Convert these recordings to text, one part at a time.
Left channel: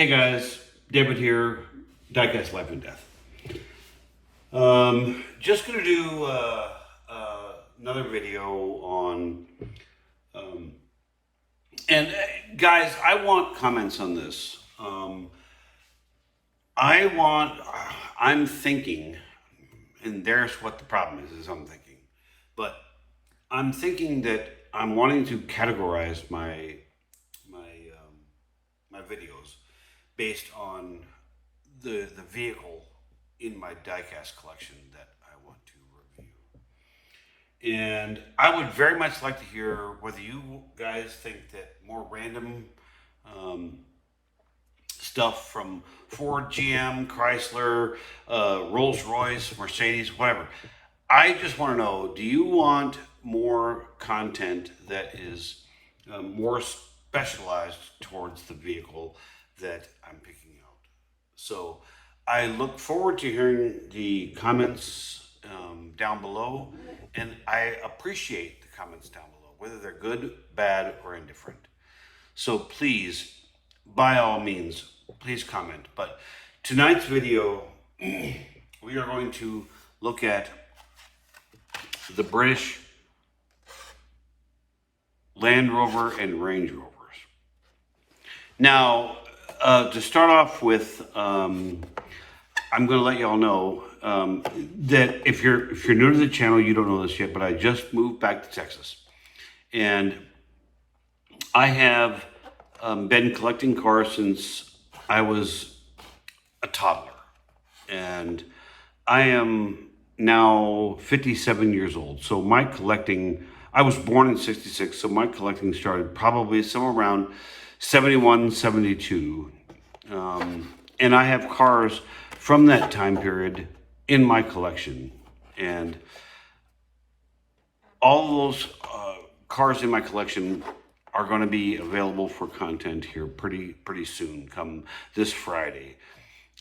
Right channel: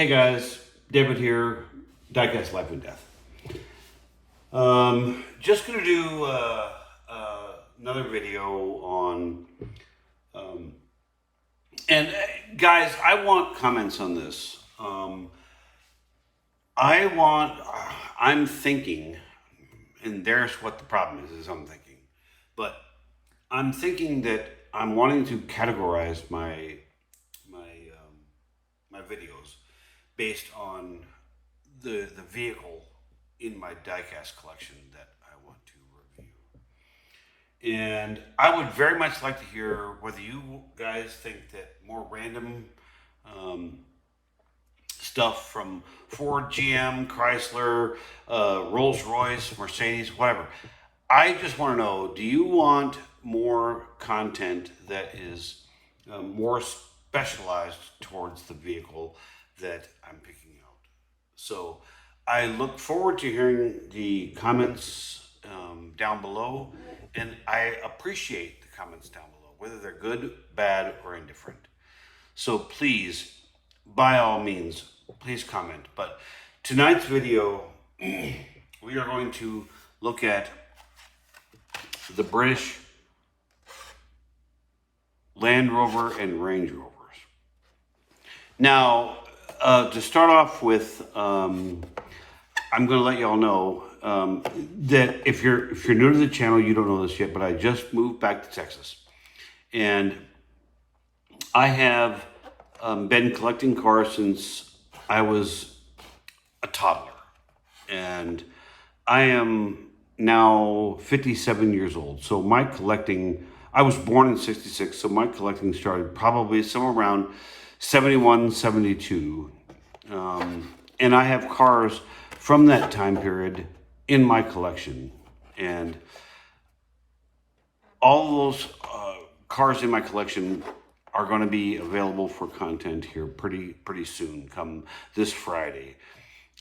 Hey guys, David here, Diecast Life and Death. Just gonna do another video on, um, and guys, I want comments on this. I want, I'm thinking, and there's what the problem is I'm thinking, but I'm thinking that I'm wanting to categorize my videos based on the vehicle in my diecast collection that I want to review. And I would very much like to hear whether you guys think that more random um, stuff from Ford, GM, Chrysler, Rolls Royce, Mercedes, whatever. I just want to know, do you want more content that is more specialized towards the vehicle that I'm picking out? So I look forward to hearing the comments down below, and I appreciate the comments down below, whether they're good, bad, or indifferent. So please, by all means, please comment. But tonight's video, we are going to look at the British Land Rover and Range Rovers. Now, to start off with, I'm going to let y'all know that if you're new to the channel, you don't know this yet, but I just moved back to Texas, and I have been collecting cars since I was a toddler, and I am now 57 years old. So my collecting, I was born in 66, so my collecting started probably somewhere around 71, 72. And I have cars from that time period in my collection. And all those cars in my collection are going to be available for content here pretty soon, come this Friday.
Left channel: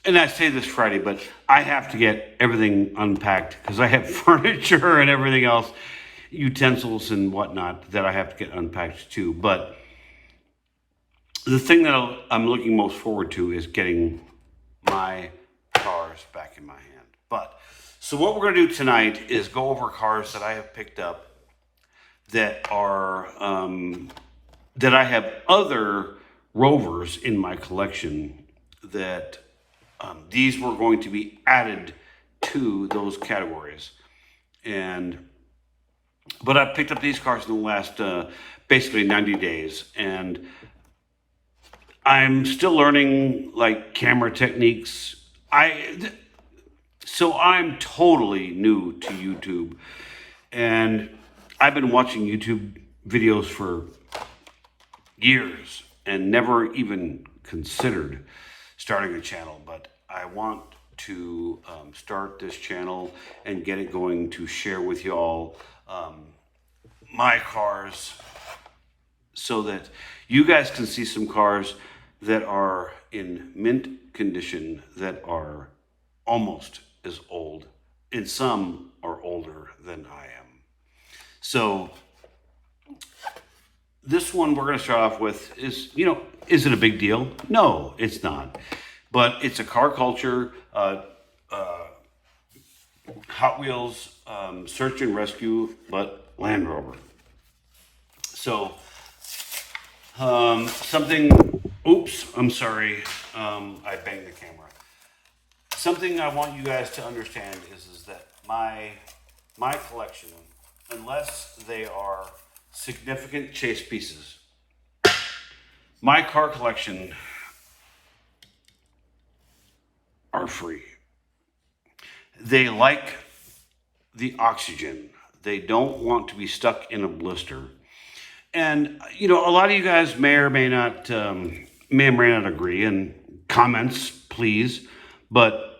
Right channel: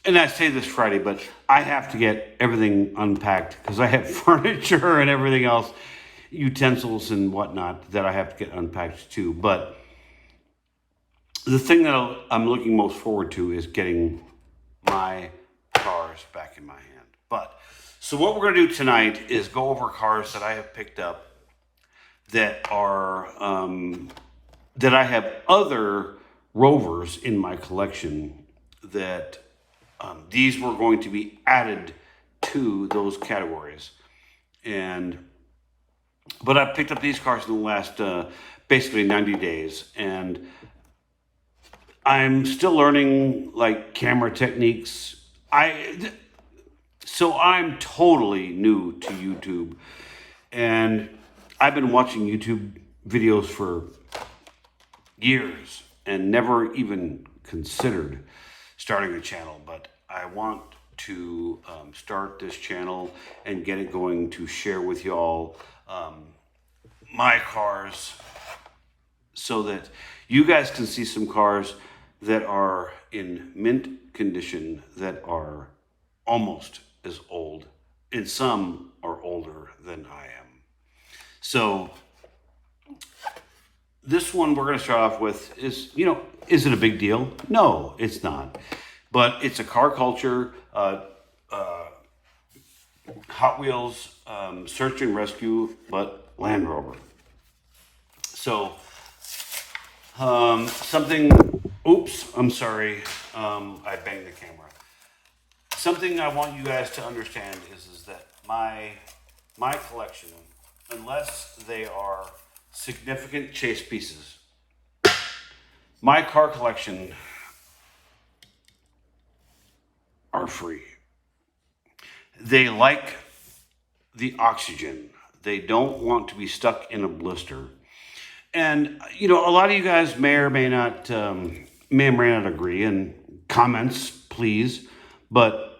And I say this Friday, but I have to get everything unpacked because I have furniture and everything else, utensils and whatnot that I have to get unpacked too. But the thing that I'm looking most forward to is getting my cars back in my hand. But so what we're going to do tonight is go over cars that I have picked up that are that I have other Rovers in my collection that these were going to be added to those categories. But I picked up these cars in the last basically 90 days, and I'm still learning like camera techniques. So I'm totally new to YouTube, and I've been watching YouTube videos for years and never even considered starting a channel, but I want to start this channel and get it going to share with y'all my cars so that you guys can see some cars that are in mint condition that are almost as old, and some are older than I am. So this one we're going to start off with is, is it a big deal? No, it's not. But it's a car culture, Hot Wheels, search and rescue, but Land Rover. So, oops, I'm sorry, I banged the camera. Something I want you guys to understand is that my collection, unless they are significant chase pieces, my car collection are free. They like the oxygen. They don't want to be stuck in a blister. And a lot of you guys may or may not agree. And comments, please. But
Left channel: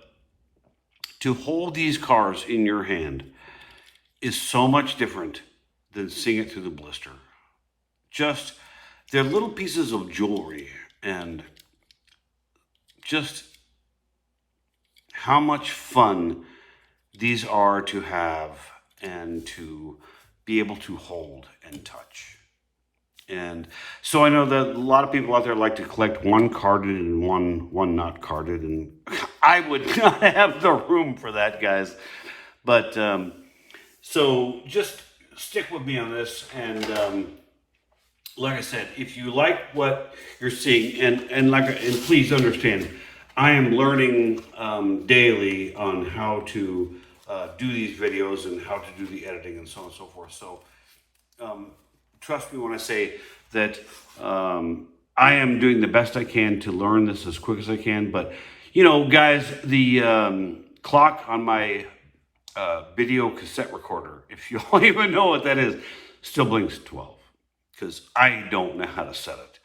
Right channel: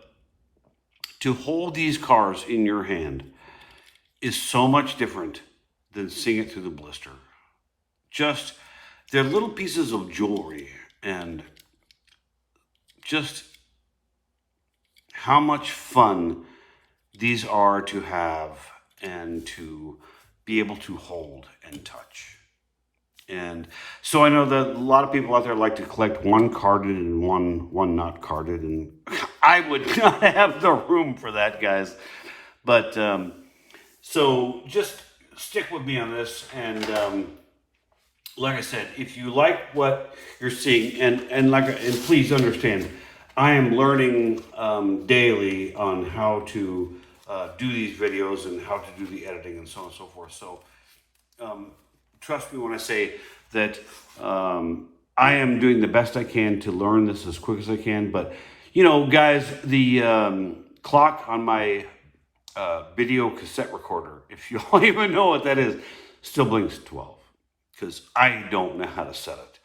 to hold these cars in your hand is so much different than seeing it through the blister. Just, they're little pieces of jewelry, and just how much fun these are to have and to be able to hold and touch. And so I know that a lot of people out there like to collect one carded and one not carded, and I would not have the room for that, guys. But so just stick with me on this, and like I said, if you like what you're seeing, and please understand, I am learning daily on how to do these videos and how to do the editing and so on and so forth. So trust me when I say that I am doing the best I can to learn this as quick as I can. But you know, guys, the clock on my video cassette recorder, if you don't even know what that is, still blinks 12 because I don't know how to set it.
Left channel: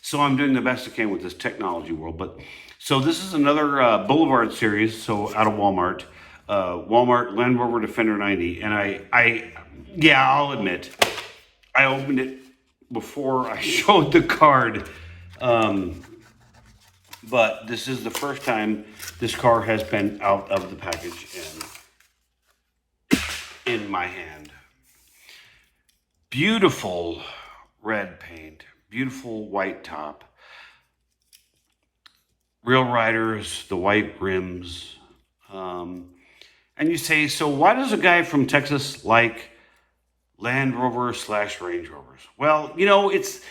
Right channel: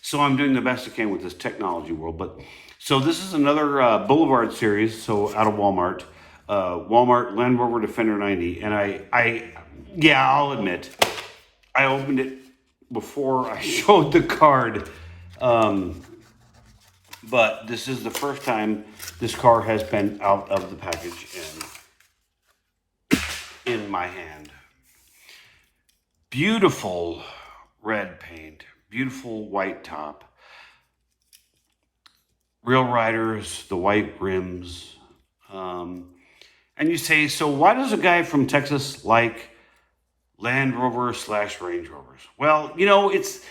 So I'm doing the best I can with this technology world. But so this is another Boulevard series, so out of Walmart. Walmart Land Rover Defender 90, and yeah, I'll admit, I opened it before I showed the card, but this is the first time this car has been out of the package and in my hand. Beautiful red paint, beautiful white top, real riders, the white rims. And you say, so why does a guy from Texas like Land Rover / Range Rovers? Well, you know, it's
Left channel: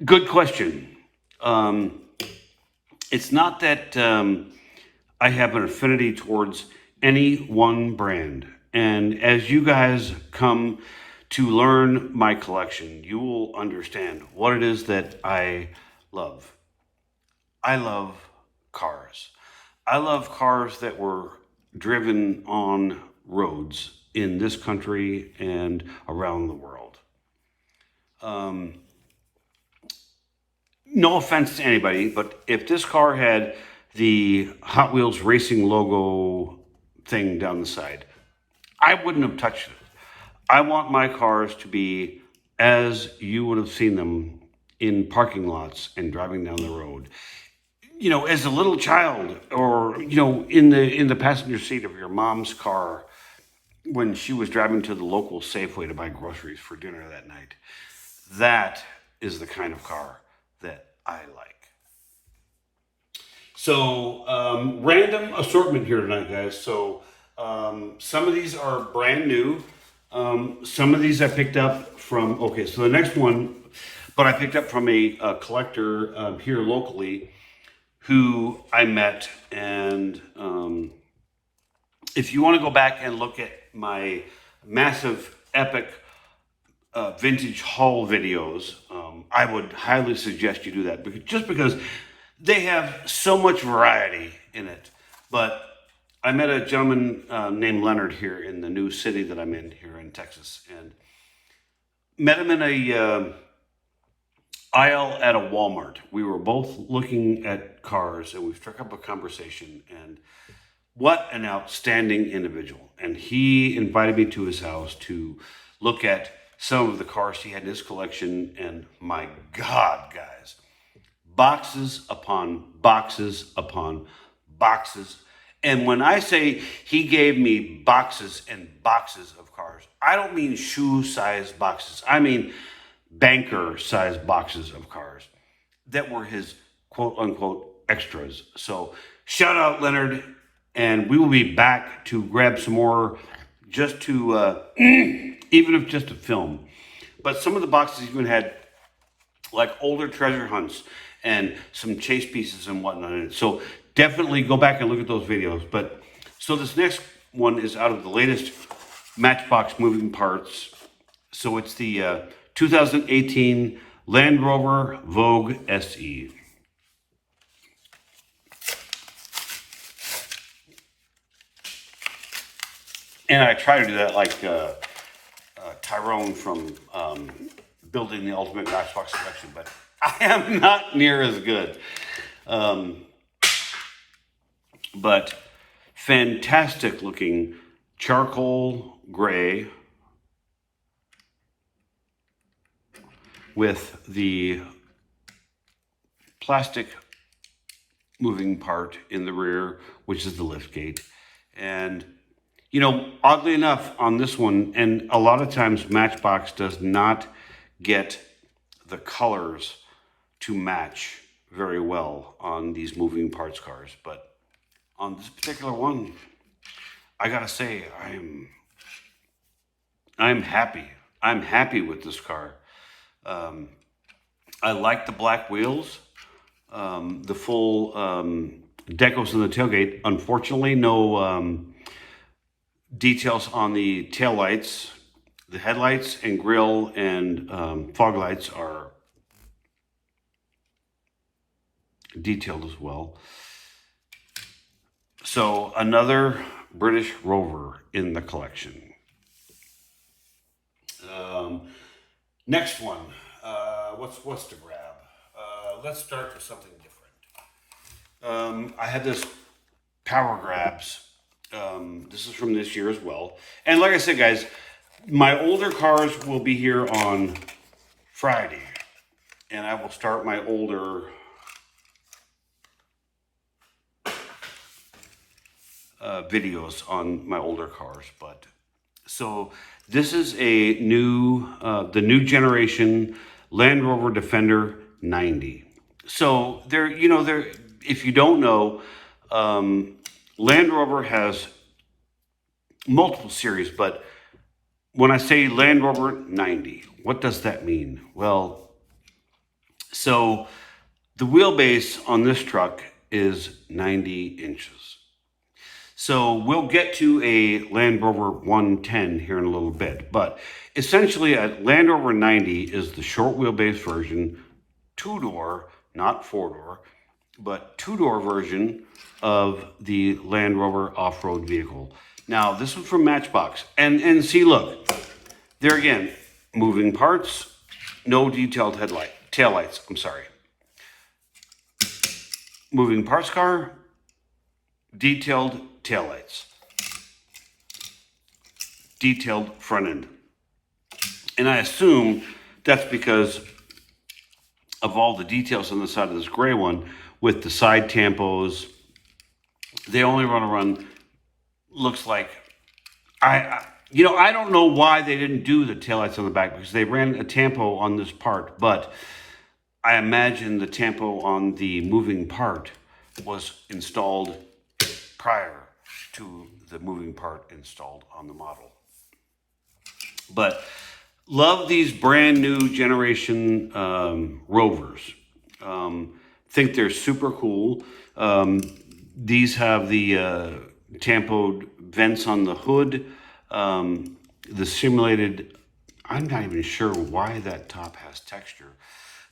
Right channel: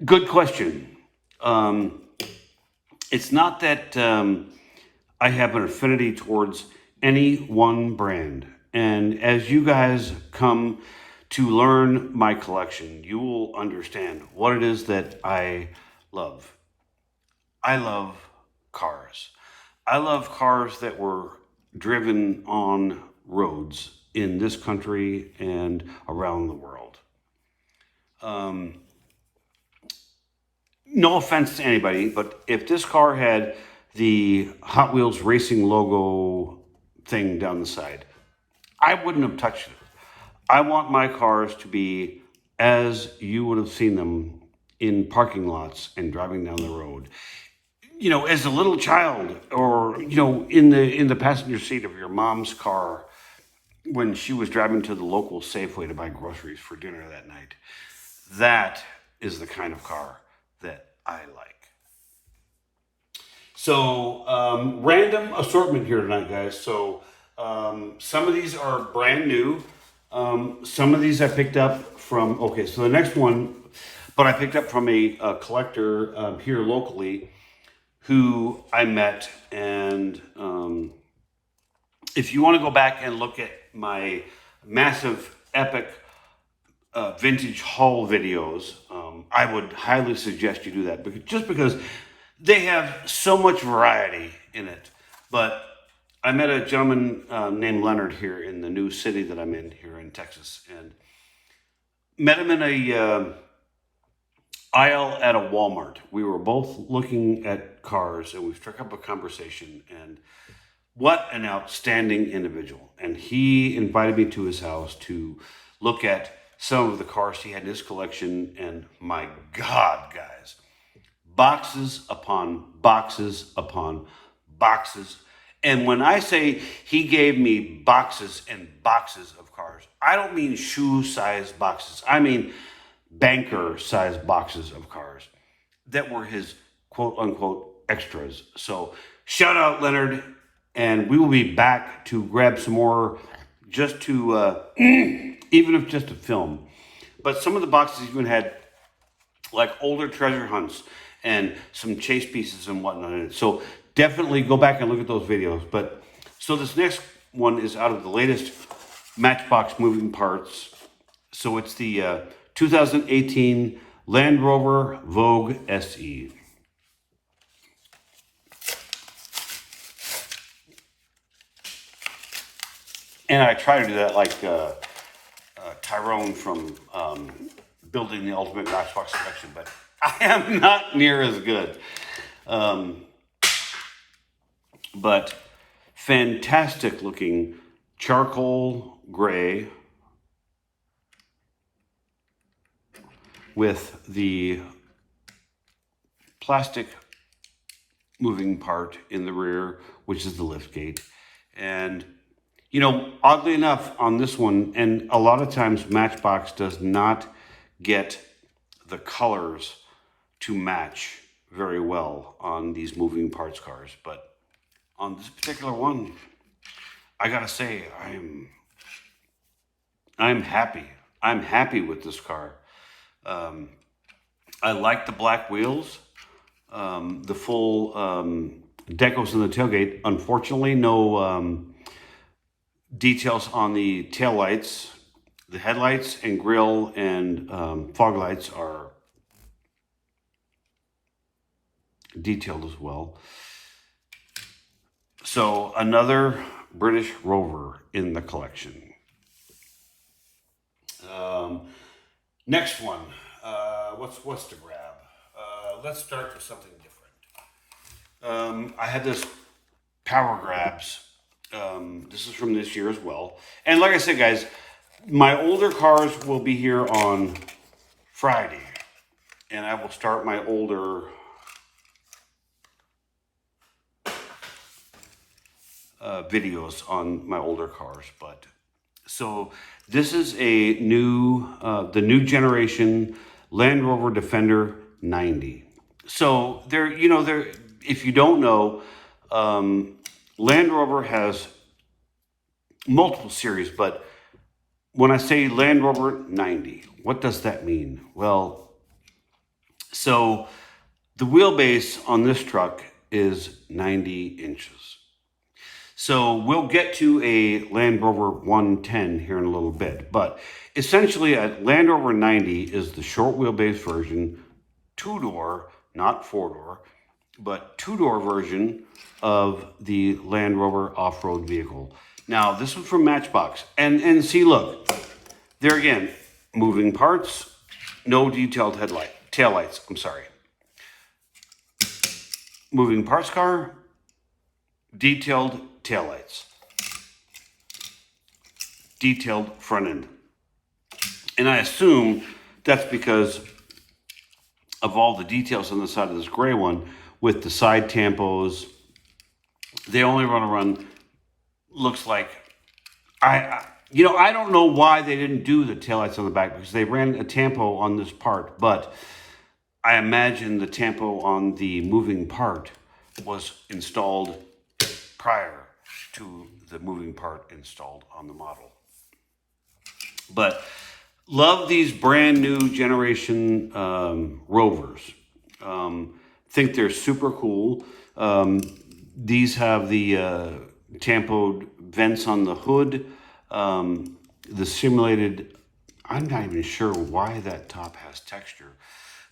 a good question. It's not that I have an affinity towards any one brand. And as you guys come to learn my collection, you will understand what it is that I love. I love cars. I love cars that were driven on roads in this country and around the world. No offense to anybody, but if this car had the Hot Wheels racing logo thing down the side, I wouldn't have touched it. I want my cars to be as you would have seen them in parking lots and driving down the road. You know, as a little child, or you know, in the passenger seat of your mom's car when she was driving to the local Safeway to buy groceries for dinner that night. That is the kind of car that I like. So random assortment here tonight, guys. So some of these are brand new. Some of these I picked up from, okay, so the next one, but I picked up from a collector here locally who I met. And if you want to go back and look at my massive, epic vintage haul videos, I would highly suggest you do that, because they have so much variety in it. But I met a gentleman named Leonard here in the new city that I'm in here in Texas, and met him in a aisle at a Walmart. We were both looking at cars, and we struck up a conversation, and what an outstanding individual. And he invited me to his house to look at some of the cars he had in his collection, and my God, guys, boxes upon boxes upon boxes. And when I say he gave me boxes and boxes of cars, I don't mean shoe-sized boxes. I mean banker-sized boxes of cars that were his quote-unquote extras. So shout out, Leonard, and we will be back to grab some more, just to, even if just to film. But some of the boxes even had like older treasure hunts and some chase pieces and whatnot in it. So definitely go back and look at those videos. But so this next one is out of the latest Matchbox moving parts. So it's the 2018 Land Rover Vogue SE. And I try to do that like Tyrone from Building the Ultimate Matchbox Collection, but I am not near as good. But fantastic looking charcoal gray with the plastic moving part in the rear, which is the lift gate. And you know, oddly enough on this one, and a lot of times Matchbox does not get the colors to match very well on these moving parts cars. But on this particular one, I gotta say, I'm happy. I'm happy with this car. Um, I like the black wheels, the full decals in the tailgate. Unfortunately, no details on the tail lights. The headlights and grille and fog lights are detailed as well. So another British Rover in the collection. Um, Next one. What's to grab? Let's start with something different. I had this Power Grabs. This is from this year as well. And like I said, guys, my older cars will be here on Friday, and I will start my older videos on my older cars. But so this is a new, the new generation Land Rover Defender 90. So there, if you don't know, Land Rover has multiple series, but when I say Land Rover 90, what does that mean? Well, so the wheelbase on this truck is 90 inches. So we'll get to a Land Rover 110 here in a little bit, but essentially a Land Rover 90 is the short wheelbase version, two-door, not four-door, but two-door version of the Land Rover off-road vehicle. Now, this is from Matchbox, and see, look, there again, moving parts, no detailed taillights, I'm sorry. Moving parts car, detailed taillights, detailed front end. And I assume that's because of all the details on the side of this gray one with the side tampos. They only run, looks like, I don't know why they didn't do the taillights on the back, because they ran a tampo on this part, but I imagine the tampo on the moving part was installed prior to the moving part installed on the model. But love these brand new generation Rovers. Think they're super cool. These have the tampoed vents on the hood, the simulated, I'm not even sure why that top has texture.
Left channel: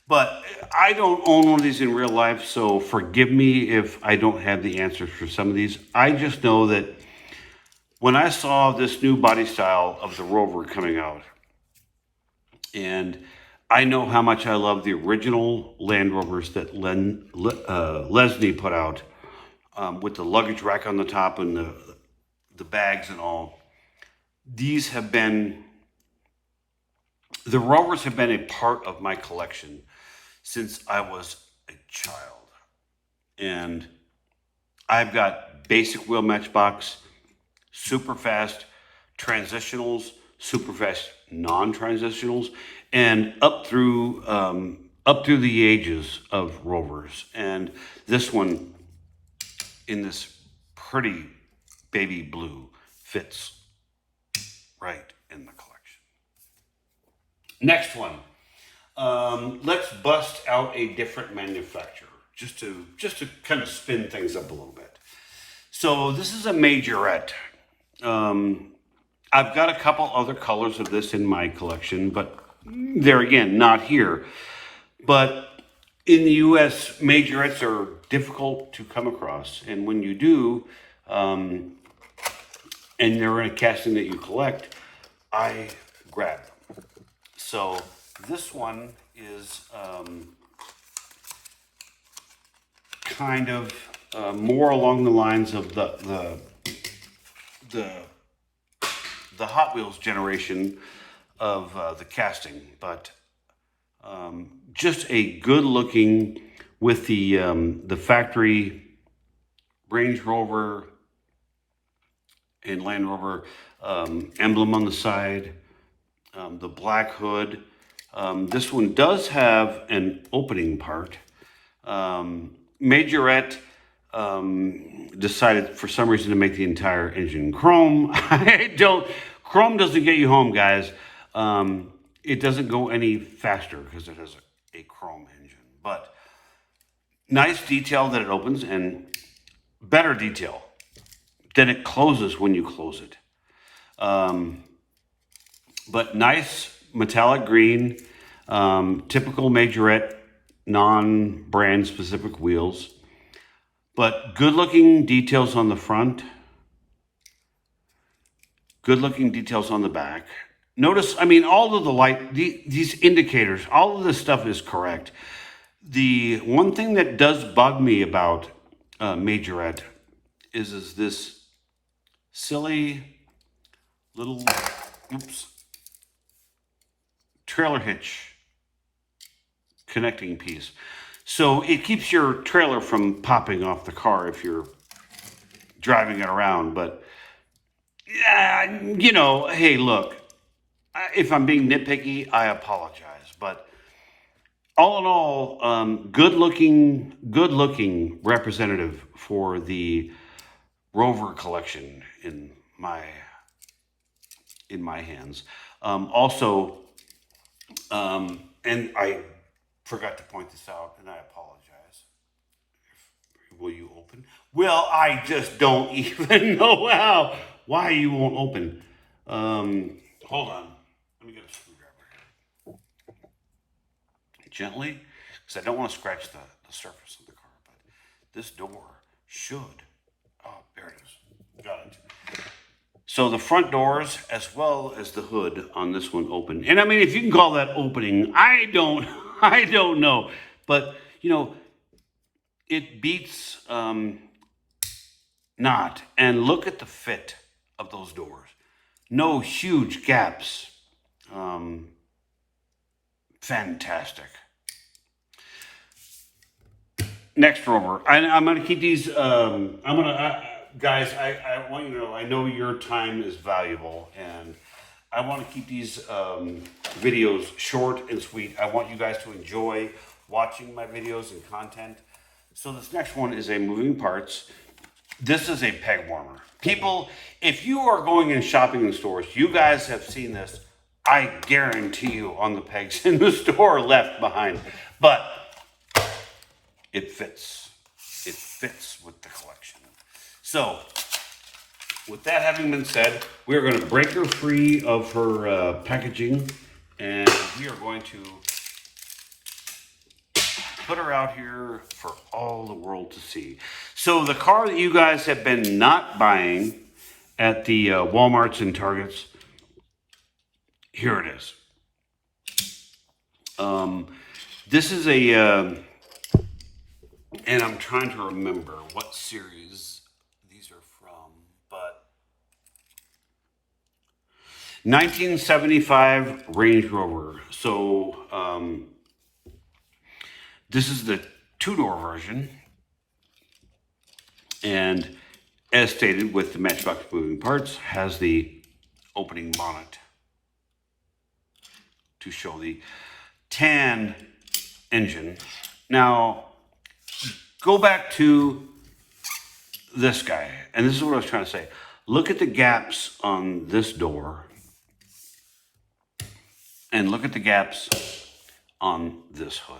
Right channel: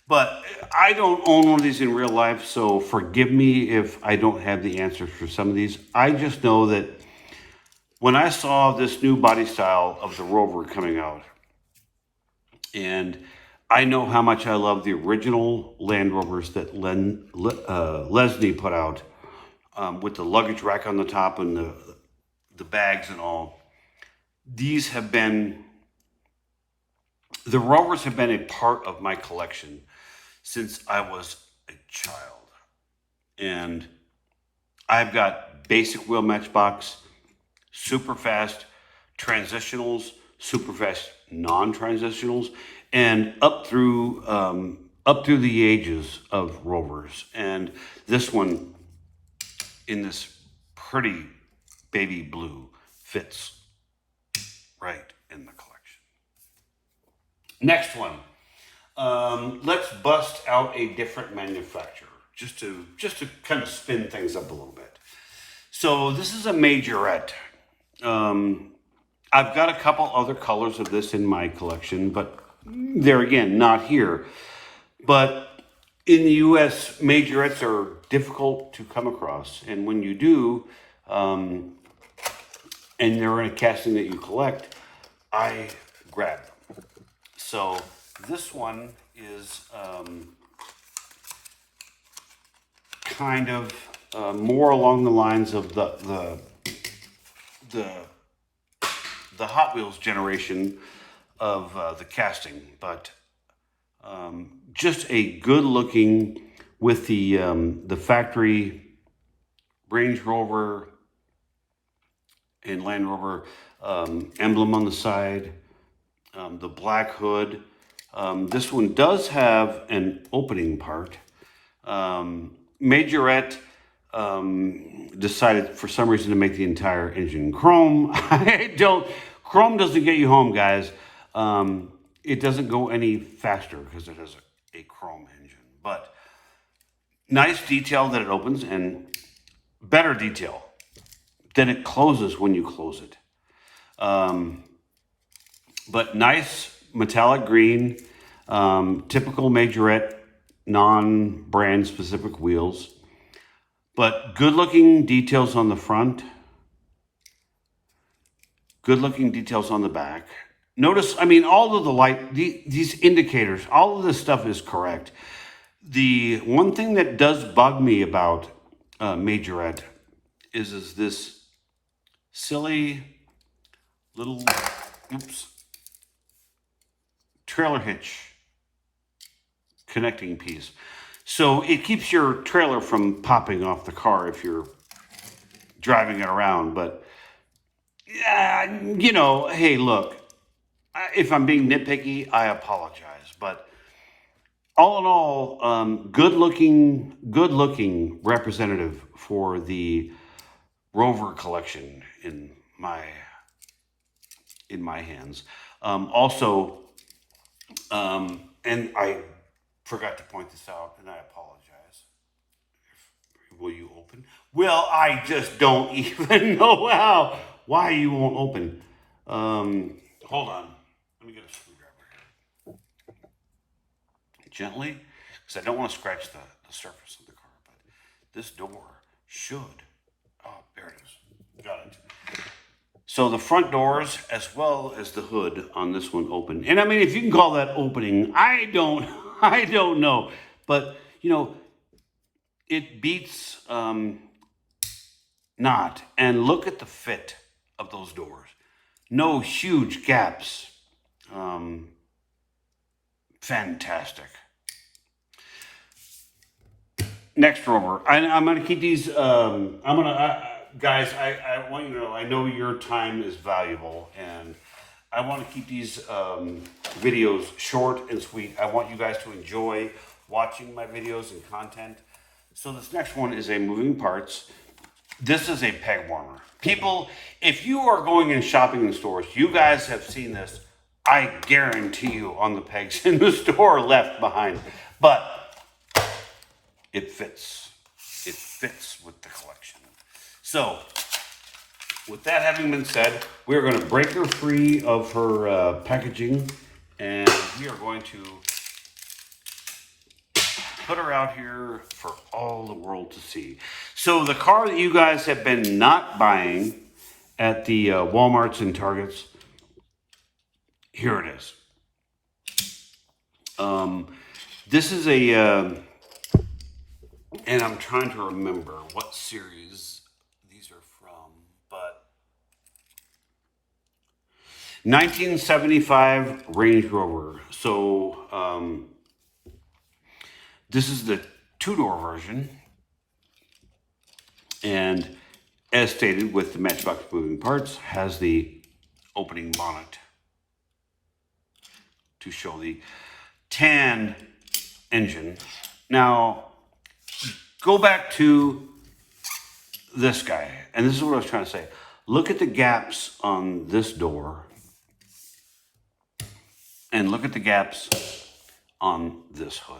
But I don't own one of these in real life, so forgive me if I don't have the answers for some of these. I just know that when I saw this new body style of the Rover coming out, and I know how much I love the original Land Rovers that Leslie put out, with the luggage rack on the top and the bags and all. These have been, the Rovers have been a part of my collection since I was a child. And I've got basic wheel Matchbox, super fast transitionals, super fast non-transitionals, and up through the ages of Rovers. And this one in this pretty baby blue fits right in the collection. Next one. Let's bust out a different manufacturer just to kind of spin things up a little bit. So this is a Majorette. I've got a couple other colors of this in my collection, but there again, not here. But in the US, Majorettes are difficult to come across, and when you do, and they're in a casting that you collect, I grab them. So this one is kind of more along the lines of the Hot Wheels generation of the casting, but just a good looking with the factory Range Rover and Land Rover emblem on the side, the black hood, This one does have an opening part. Majorette decided for some reason to make the entire engine chrome. Chrome doesn't get you home, guys. It doesn't go any faster because it has a chrome engine. But nice detail that it opens, and better detail that it closes when you close it. But nice metallic green, typical Majorette, non-brand specific wheels. But good looking details on the front, good looking details on the back. Notice, I mean, all of the these indicators, all of this stuff is correct. The one thing that does bug me about Majorette is this silly little, trailer hitch connecting piece. So it keeps your trailer from popping off the car if you're driving it around. But, hey, look, if I'm being nitpicky, I apologize. But all in all, good looking representative for the Rover collection in my hands. Also, and I forgot to point this out, and I apologize. Will you open? Well, I just don't even know why you won't open. Hold on. Let me get a screwdriver here. Gently, because I don't want to scratch the surface of the car, but this door should. Oh, there it is. Got it. So the front doors, as well as the hood on this one, open. And I mean, if you can call that opening, I don't know. But, it beats not. And look at the fit of those doors. No huge gaps. Fantastic. Next, Rover. I'm going to keep these, guys, I want you to know, I know your time is valuable, and I want to keep these videos short and sweet. I want you guys to enjoy watching my videos and content. So this next one is a moving parts. This is a peg warmer. People, if you are going and shopping in stores, you guys have seen this, I guarantee you, on the pegs in the store left behind. But it fits. It fits with the collection. So, with that having been said, we are going to break her free of her packaging, and we are going to put her out here for all the world to see. So, the car that you guys have been not buying at the Walmarts and Targets, here it is. This is a, and I'm trying to remember what series these are from, but 1975 Range Rover. So this is the two-door version, and as stated with the Matchbox moving parts, has the opening bonnet to show the tan engine. Now, go back to this guy, and this is what I was trying to say. Look at the gaps on this door, and look at the gaps on this hood.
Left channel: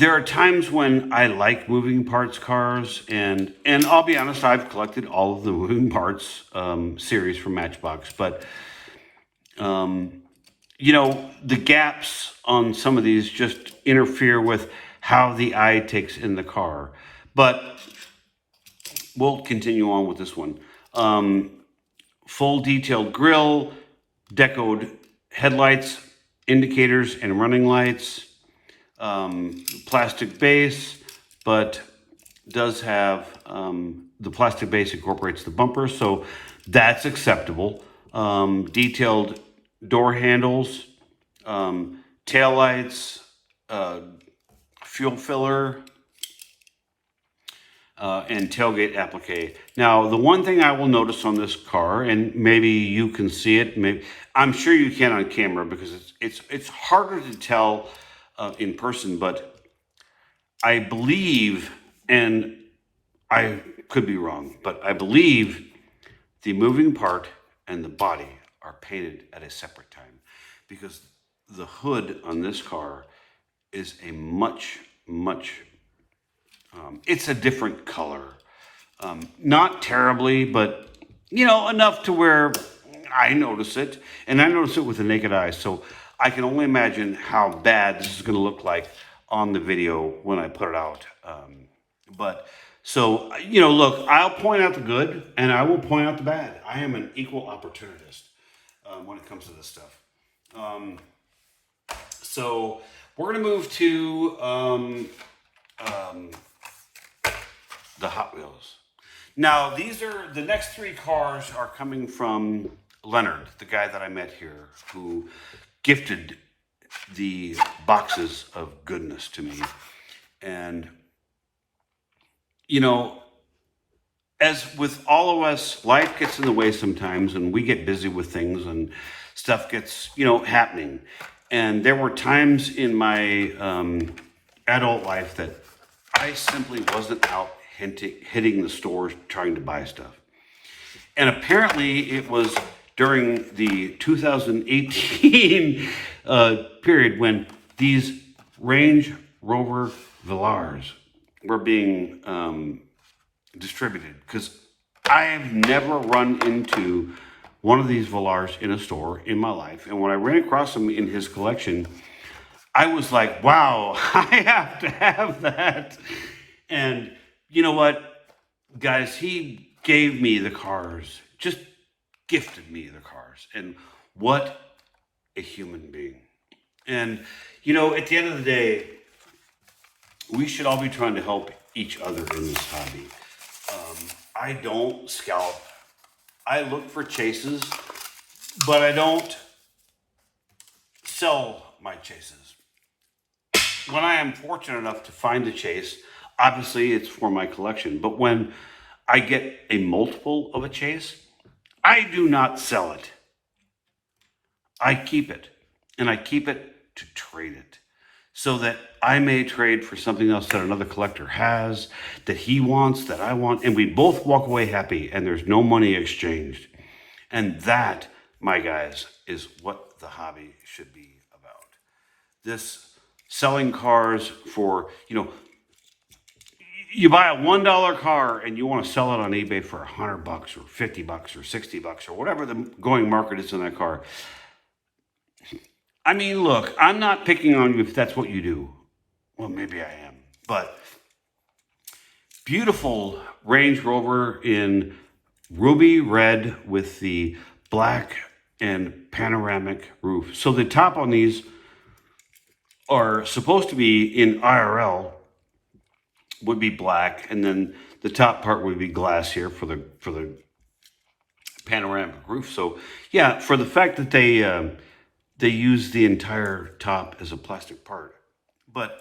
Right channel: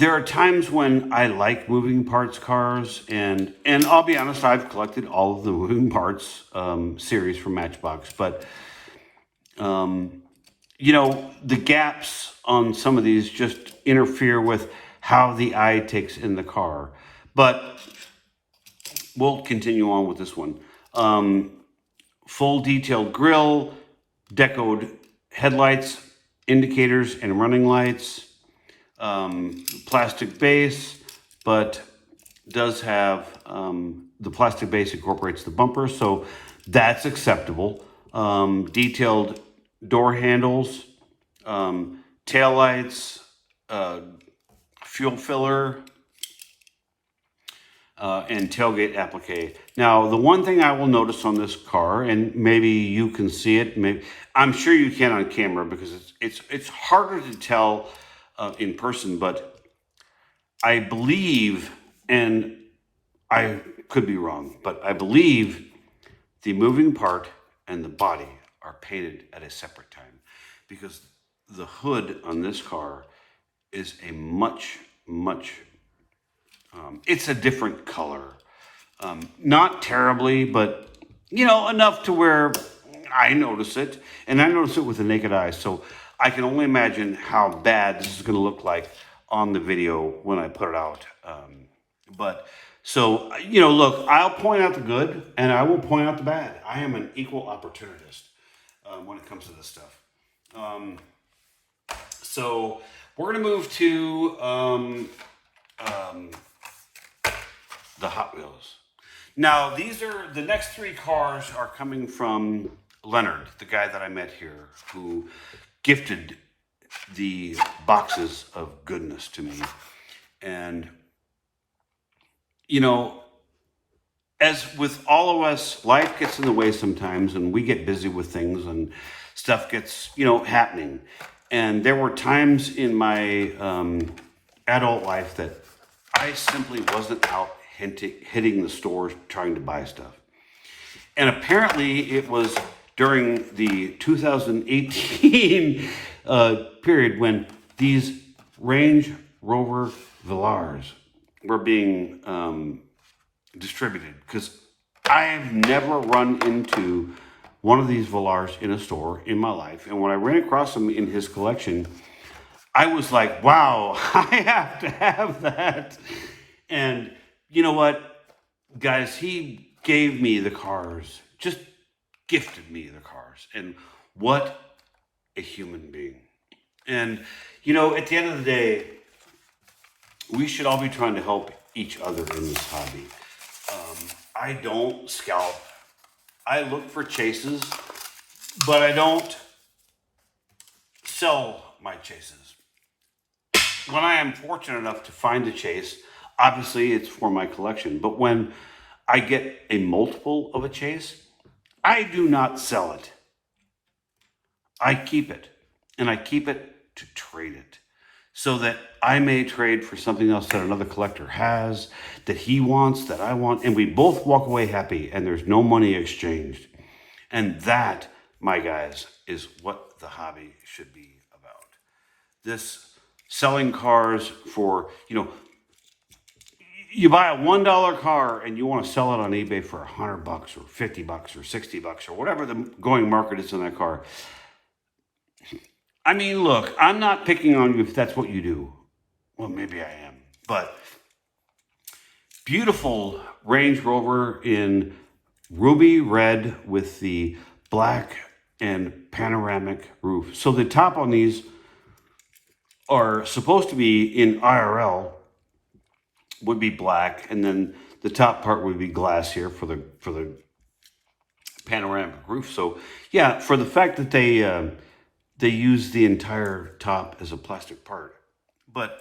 There are times when I like moving parts cars, and I'll be honest, I've collected all of the moving parts series from Matchbox, but the gaps on some of these just interfere with how the eye takes in the car. But we'll continue on with this one. Full detailed grille, decoed headlights, indicators, and running lights. Plastic base, but does have the plastic base incorporates the bumper, so that's acceptable. Detailed door handles, tail lights, fuel filler, and tailgate applique. Now, the one thing I will notice on this car, and maybe you can see it, maybe I'm sure you can on camera because it's harder to tell in person, but I believe, and I could be wrong, but I believe the moving part and the body are painted at a separate time because the hood on this car is a much, it's a different color. Not terribly, but enough to where I notice it, and I notice it with the naked eye. So I can only imagine how bad this is going to look like on the video when I put it out. But so look, I'll point out the good, and I will point out the bad. I am an equal opportunist when it comes to this stuff. So we're going to move to the Hot Wheels. Now, these are the next three cars are coming from Leonard, the guy that I met here, who gifted the boxes of goodness to me. And, as with all of us, life gets in the way sometimes, and we get busy with things, and stuff gets, happening. And there were times in my adult life that I simply wasn't out hitting the stores trying to buy stuff. And apparently it was during the 2018 period when these Range Rover Velars were being distributed, because I've never run into one of these Velars in a store in my life. And when I ran across them in his collection, I was like, wow, I have to have that. And you know what, guys, he gave me the cars, just gifted me the cars. And what a human being. And, at the end of the day, we should all be trying to help each other in this hobby. I don't scalp. I look for chases, but I don't sell my chases. When I am fortunate enough to find a chase, obviously it's for my collection. But when I get a multiple of a chase, I do not sell it. I keep it. And I keep it to trade it, so that I may trade for something else that another collector has, that he wants, that I want, and we both walk away happy, and there's no money exchanged. And that, my guys, is what the hobby should be about. This selling cars for, you buy a $1 car and you want to sell it on eBay for $100 or $50 or $60 or whatever the going market is on that car. I mean, look, I'm not picking on you if that's what you do. Well, maybe I am. But beautiful Range Rover in ruby red with the black and panoramic roof. So the top on these are supposed to be in IRL would be black, and then the top part would be glass here for the panoramic roof. So yeah, for the fact that they use the entire top as a plastic part. But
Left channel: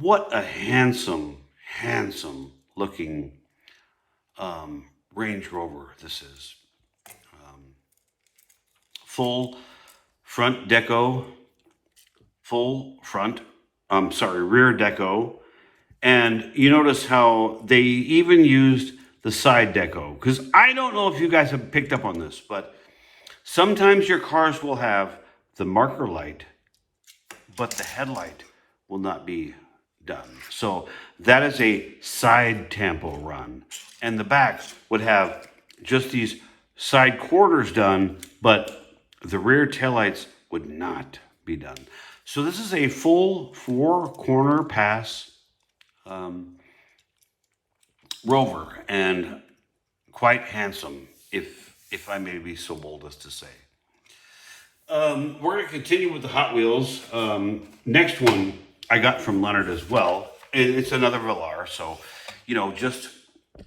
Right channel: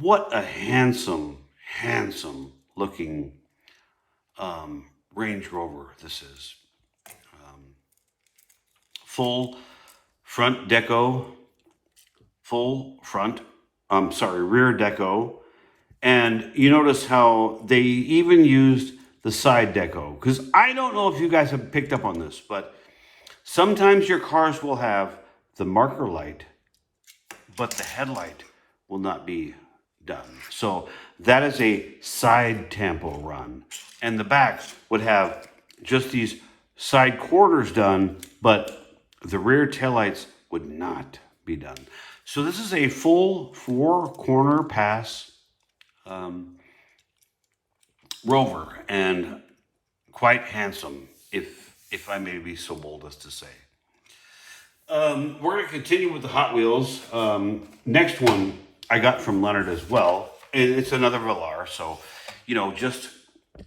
what a handsome looking Range Rover this is. Full front deco, rear deco. And you notice how they even used the side deco. Because I don't know if you guys have picked up on this, but sometimes your cars will have the marker light, but the headlight will not be done. So that is a side tampo run. And the back would have just these side quarters done, but the rear taillights would not be done. So this is a full 4-corner pass Rover, and quite handsome, if I may be so bold as to say. We're going to continue with the Hot Wheels. Next one I got from Leonard as well. It's another Velar, so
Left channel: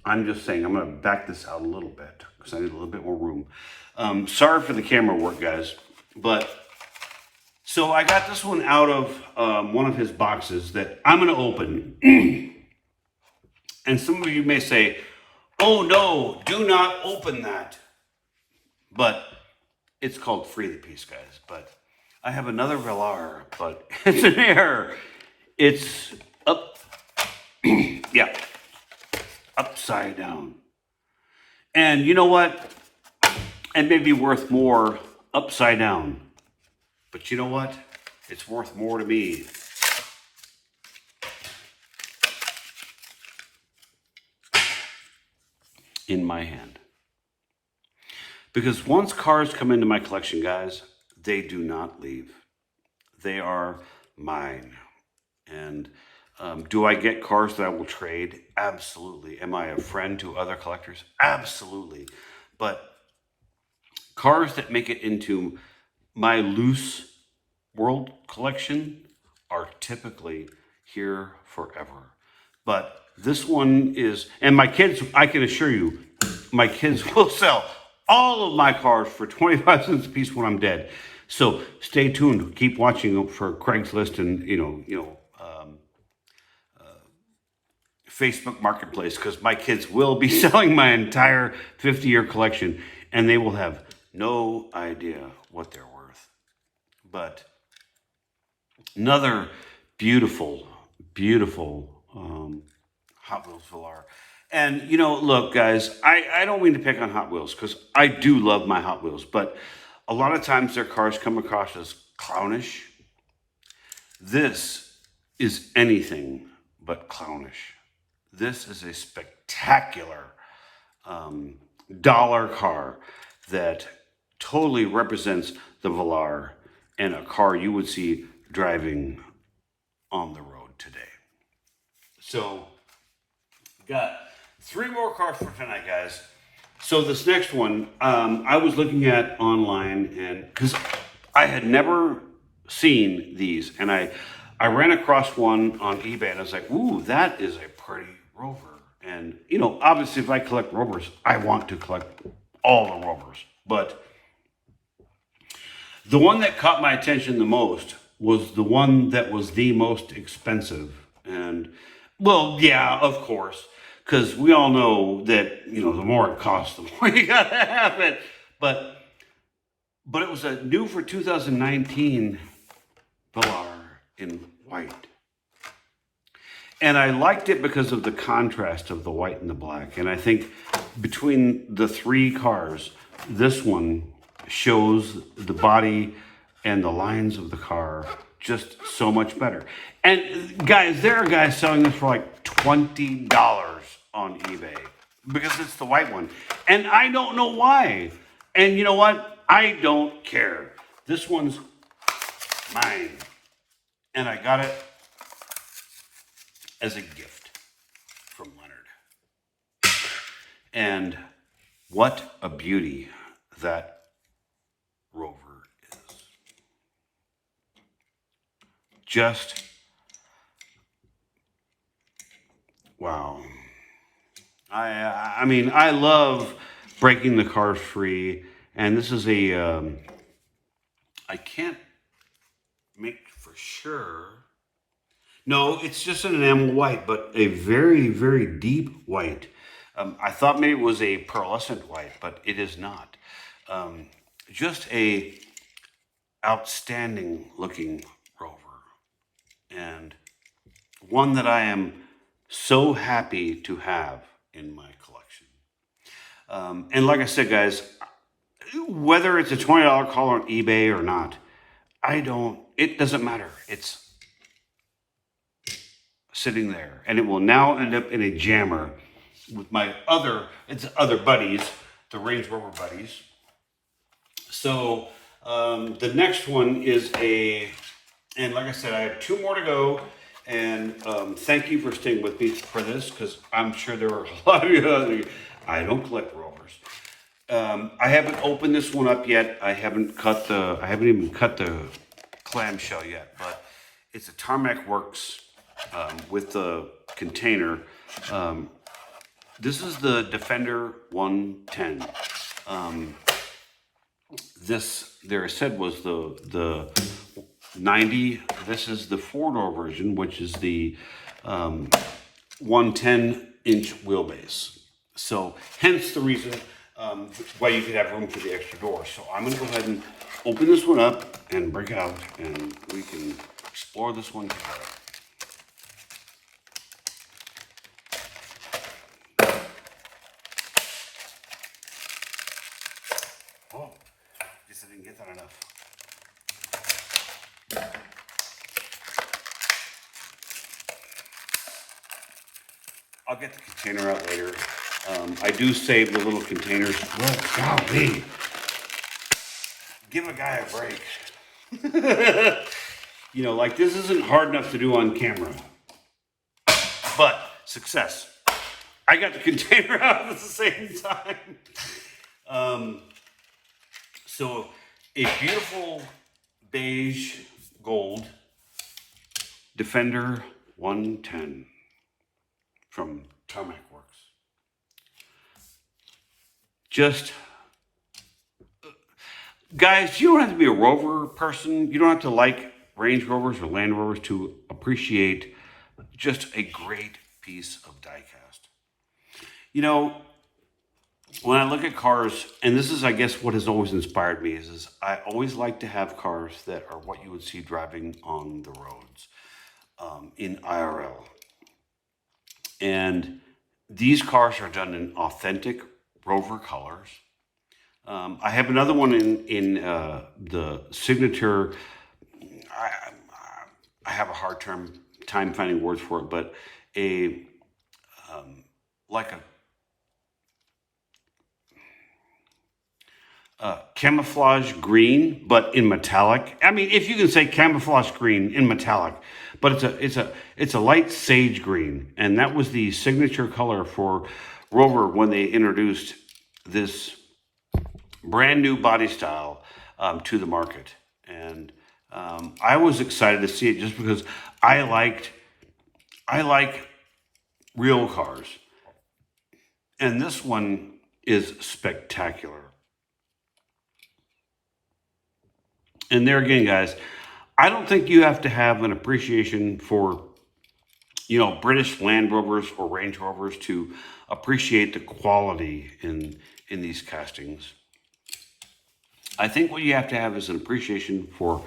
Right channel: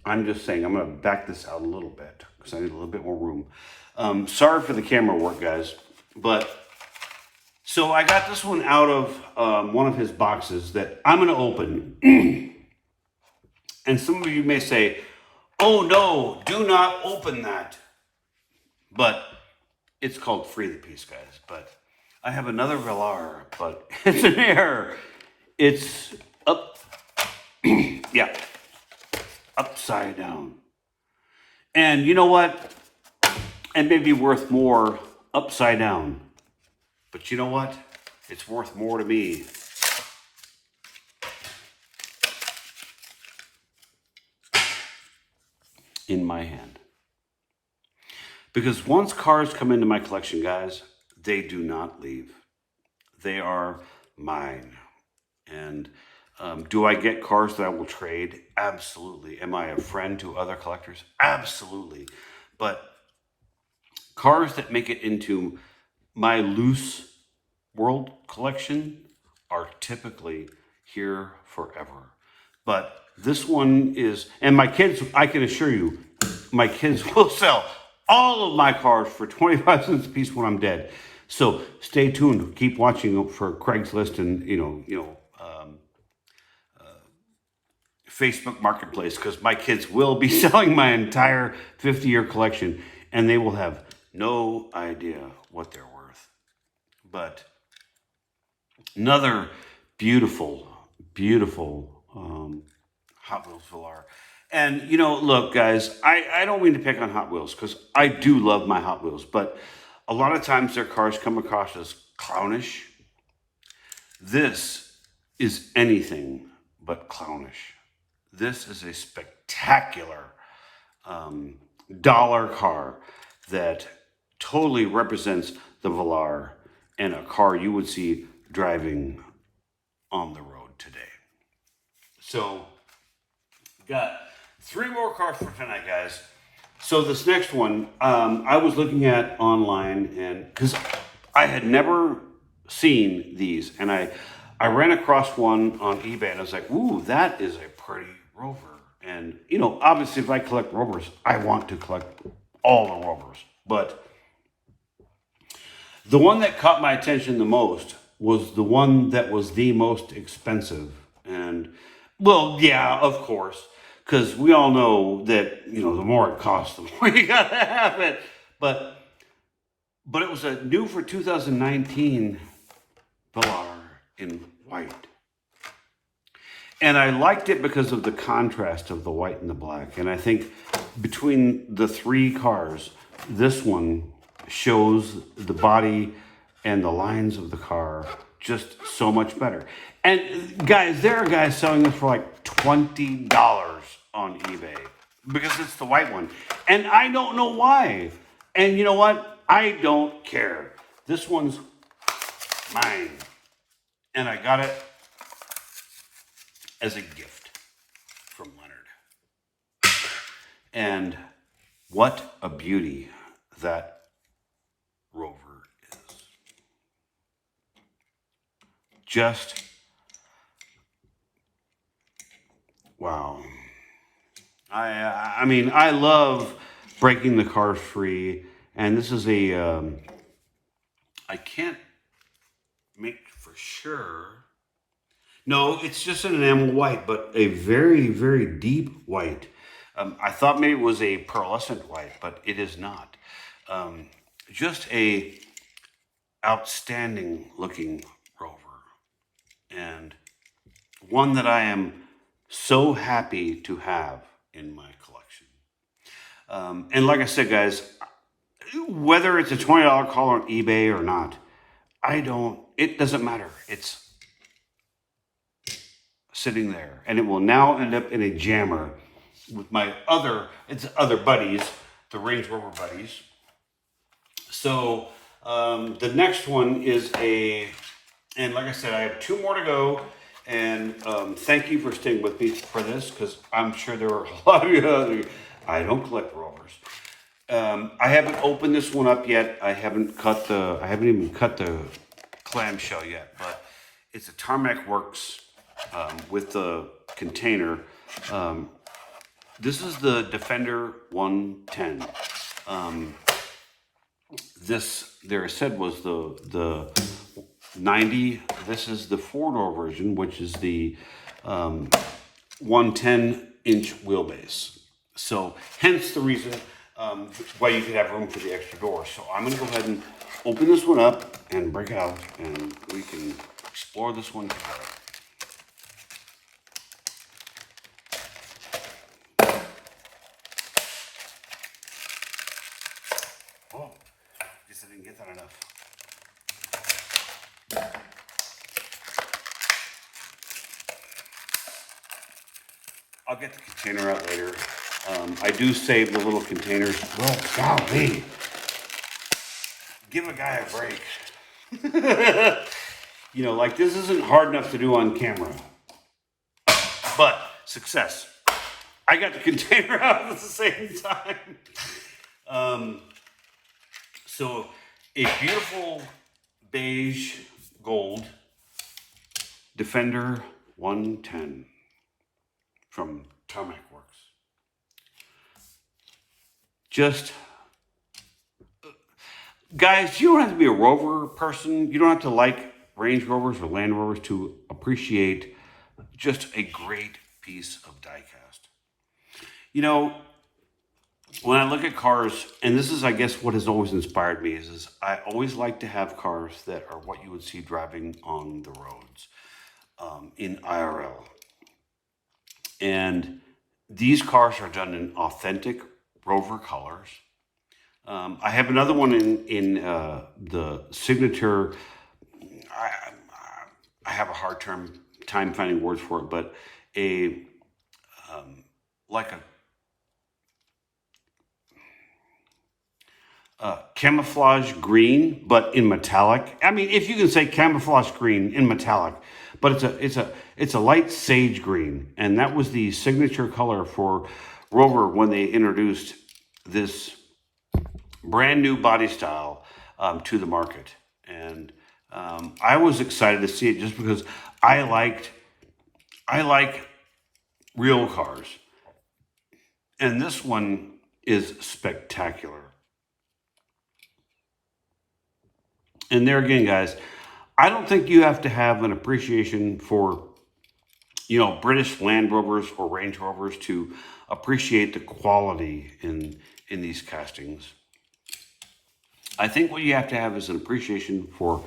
I'm just saying I'm going to back this out a little bit because I need a little bit more room. Sorry for the camera work, guys, but so I got this one out of one of his boxes that I'm going to open. And some of you may say, Oh no, do not open that. But it's called Free the Peace, guys. But I have another Velar, but it's an error. It's up, yeah, upside down. And you know what? It may be worth more upside down. But you know what? It's worth more to me in my hand. Because once cars come into my collection, guys, they do not leave. They are mine. And do I get cars that I will trade? Absolutely. Am I a friend to other collectors? Absolutely. But cars that make it into my loose world collection are typically here forever. But this one is, and my kids, I can assure you, my kids will sell all of my cars for 25 cents a piece when I'm dead. So stay tuned. Keep watching for Craigslist and Facebook Marketplace, because my kids will be selling my entire 50-year collection, and they will have no idea what they're worth. But another beautiful, beautiful Hot Wheels Velar. And, look, guys, I don't mean to pick on Hot Wheels, because I do love my Hot Wheels, but a lot of times their cars come across as clownish. This is anything but clownish. This is a spectacular dollar car that totally represents the Velar, and a car you would see driving on the road today. So, got 3 more cars for tonight, guys. So this next one, I was looking at online, and because I had never seen these, and I ran across one on eBay, and I was like, ooh, that is a pretty Rover. And, obviously if I collect Rovers, I want to collect all the Rovers. But the one that caught my attention the most was the one that was the most expensive. And, well, yeah, of course, because we all know that, the more it costs, the more you gotta have it. But it was a new for 2019 Velar in white. And I liked it because of the contrast of the white and the black. And I think between the 3 cars, this one shows the body and the lines of the car just so much better. And guys, there are guys selling this for like $20 on eBay because it's the white one. And I don't know why. And you know what? I don't care. This one's mine. And I got it as a gift from Leonard. And what a beauty that Rover is. Just, wow. I mean, I love breaking the cars free. And this is I can't make for sure. No, it's just an enamel white, but a very, very deep white. I thought maybe it was a pearlescent white, but it is not. Just a outstanding looking Rover. And one that I am so happy to have in my collection. And like I said, guys, whether it's a $20 call on eBay or not, it doesn't matter. It's sitting there, and it will now end up in a jammer with my other buddies, the Range Rover buddies. So the next one is and like I said, I have 2 more to go. And thank you for staying with me for this, because I'm sure there are a lot of you. I don't collect Rovers. I haven't opened this one up yet. I haven't even cut the clamshell yet. It's a Tarmac Works with the container. This is the Defender 110. This, there I said, was the 90. This is the 4-door version, which is the 110-inch wheelbase. So hence the reason why you can have room for the extra door. So I'm going to go ahead and open this one up and break it out, and we can explore this one together. Oh, guess I didn't get that enough. I'll get the container out later. I do save the little containers. Oh, golly. Give a guy a break. You know, like this isn't hard enough to do on camera. But success. I got the container out at the same time. So a beautiful beige gold Defender 110 from Tarmac Works. Just, guys, you don't have to be a Rover person. You don't have to like Range Rovers or Land Rovers to appreciate just a great piece of diecast. You know, when I look at cars, and this is, I guess, what has always inspired me, is I always like to have cars that are what you would see driving on the roads in IRL. And these cars are done in authentic Rover colors. I have another one in the signature. I have a hard time finding words for it, but like a camouflage green, but in metallic. I mean, if you can say camouflage green in metallic, but it's a light sage green, and that was the signature color for Rover when they introduced this brand new body style to the market. And I was excited to see it just because I like real cars, and this one is spectacular. And there again, guys, I don't think you have to have an appreciation for, you know, British Land Rovers or Range Rovers to appreciate the quality in these castings. I think what you have to have is an appreciation for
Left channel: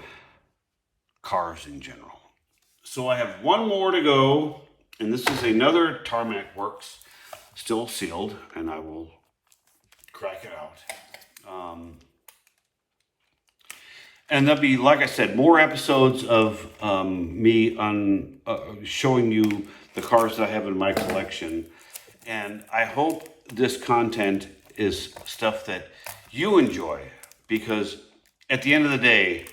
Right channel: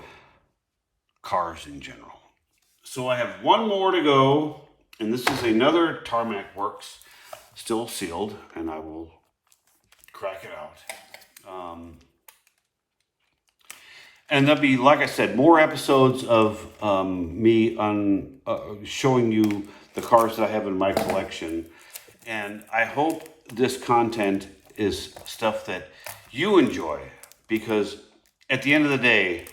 cars in general. So I have one more to go, and this is another Tarmac Works, still sealed, and I will crack it out. And there'll be, like I said, more episodes of me showing you the cars that I have in my collection. And I hope this content is stuff that you enjoy, because at the end of the day,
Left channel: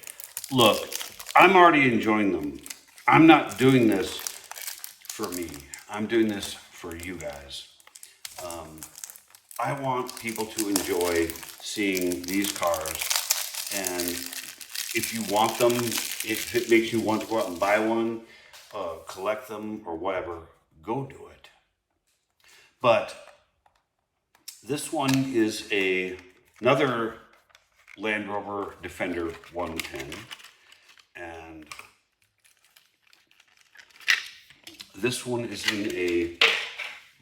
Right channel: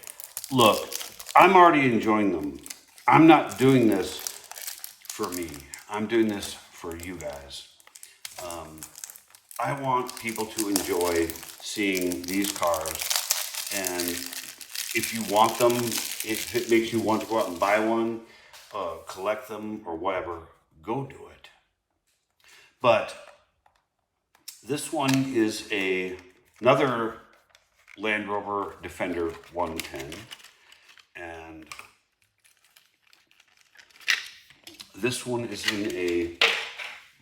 look, I'm already enjoying them. I'm not doing this for me. I'm doing this for you guys. I want people to enjoy seeing these cars, and if you want them, if it makes you want to go out and buy one, collect them or whatever, go do it. But this one is another Land Rover Defender 110, and this one is in a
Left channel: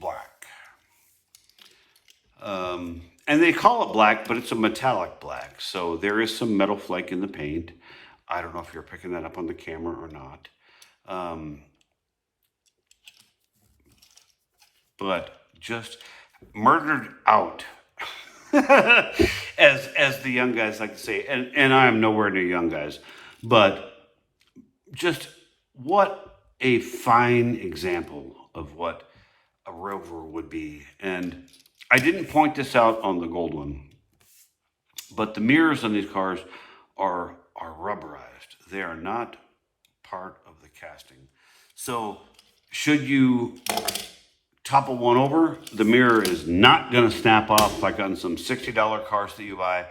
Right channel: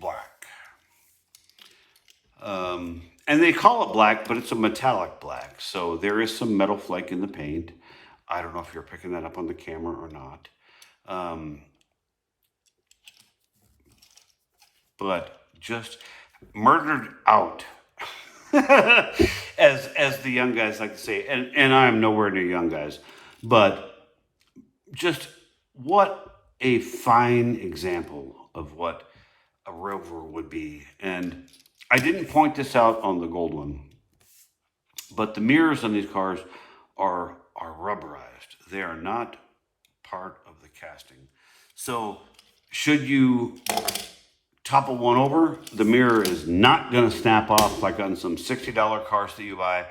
black. And they call it black, but it's a metallic black. So there is some metal flake in the paint. I don't know if you're picking that up on the camera or not. But just murdered out, as the young guys like to say. And I'm nowhere near young guys. But just what a fine example of what a Rover would be. And I didn't point this out on the gold one, but the mirrors on these cars are rubberized. They are not part of the casting. So should you topple one over, the mirror is not going to snap off like on some $60 cars that you buy,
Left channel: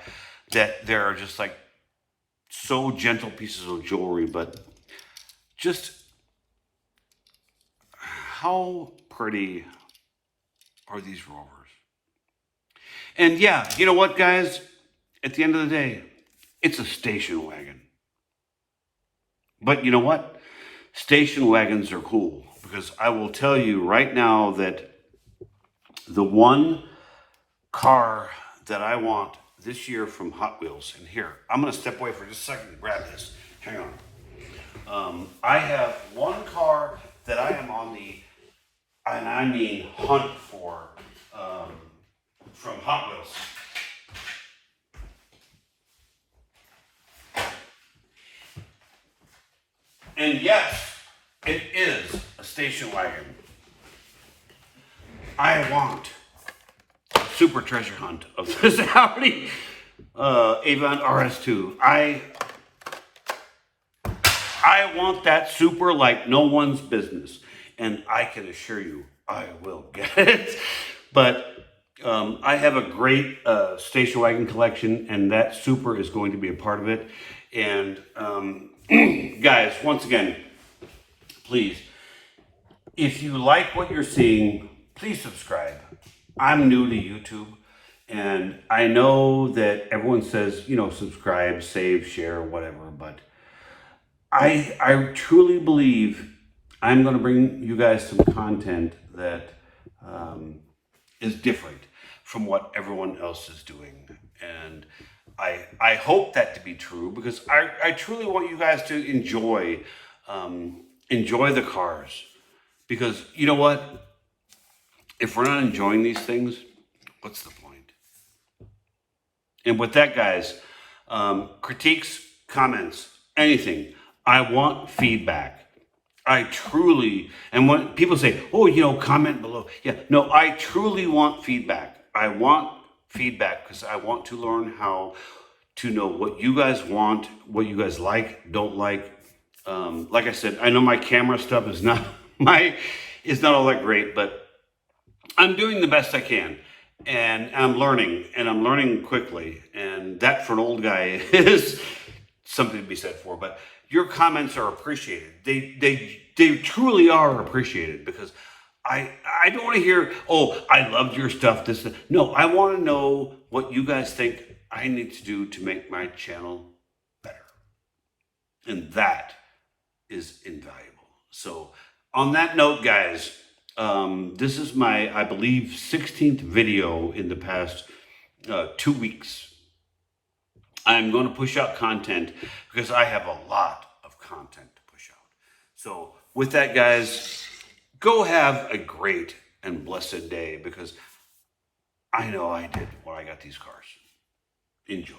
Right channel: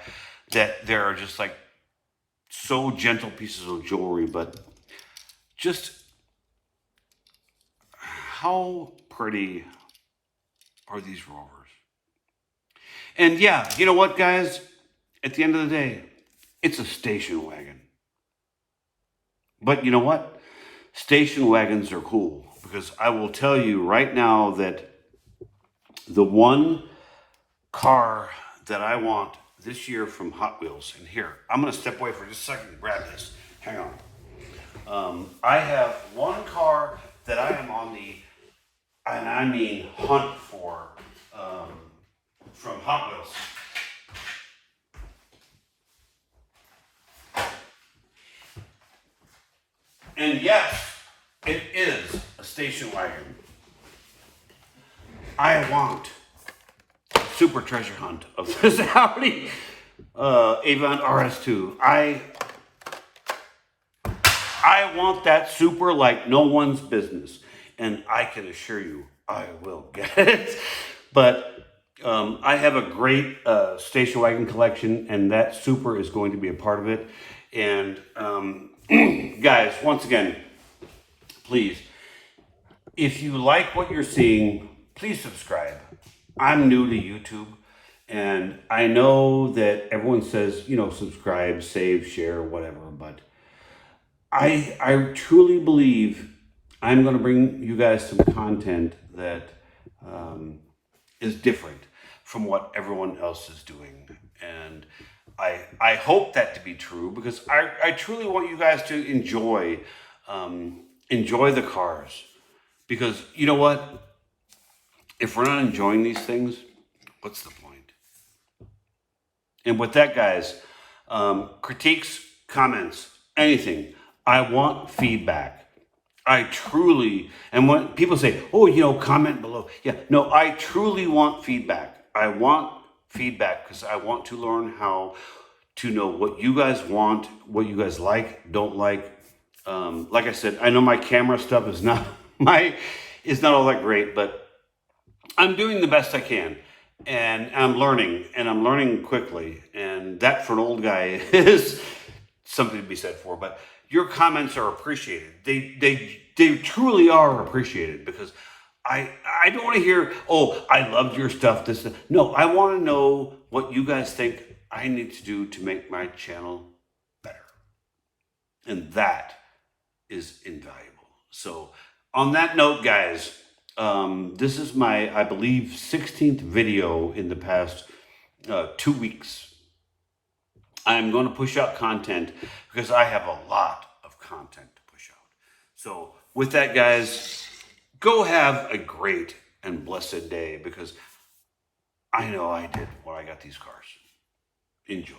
that they're just like so gentle pieces of jewelry. But just how pretty are these Rovers? And yeah, you know what, guys? At the end of the day, it's a station wagon. But you know what? Station wagons are cool, because I will tell you right now that the one car that I want this year from Hot Wheels. And here, I'm going to step away for just a second and grab this. Hang on. I have one car that I am on the, and I mean hunt for, from Hot Wheels. And yes, it is a station wagon. I want a super treasure hunt of this Audi Avon RS2. I want that super like no one's business, and I can assure you I will get it. But I have a great station wagon collection, and that super is going to be a part of it. And guys, once again, please, if you like what you're seeing, please subscribe. I'm new to YouTube, and I know that everyone says, you know, subscribe, save, share, whatever, but I truly believe I'm going to bring you guys some content that is different from what everyone else is doing. And I hope that to be true, because I truly want you guys to enjoy the cars. Because you know what? If we're not enjoying these things, what's the point? And with that, guys, critiques, comments, anything. I want feedback. I truly, and when people say, oh, you know, comment below. Yeah, no, I truly want feedback. I want feedback because I want to learn how to know what you guys want, what you guys like, don't like. Like I said, I know my camera stuff is not all that great, but I'm doing the best I can, and I'm learning quickly, and that for an old guy is something to be said for. But your comments are appreciated. They truly are appreciated, because I don't want to hear, oh, I loved your stuff. No, I want to know what you guys think I need to do to make my channel better, and that is invaluable. So on that note, guys, this is my, I believe, 16th video in the past 2 weeks. I'm going to push out content because I have a lot of content to push out. So with that, guys, go have a great and blessed day, because I know I did when I got these cars. Enjoy.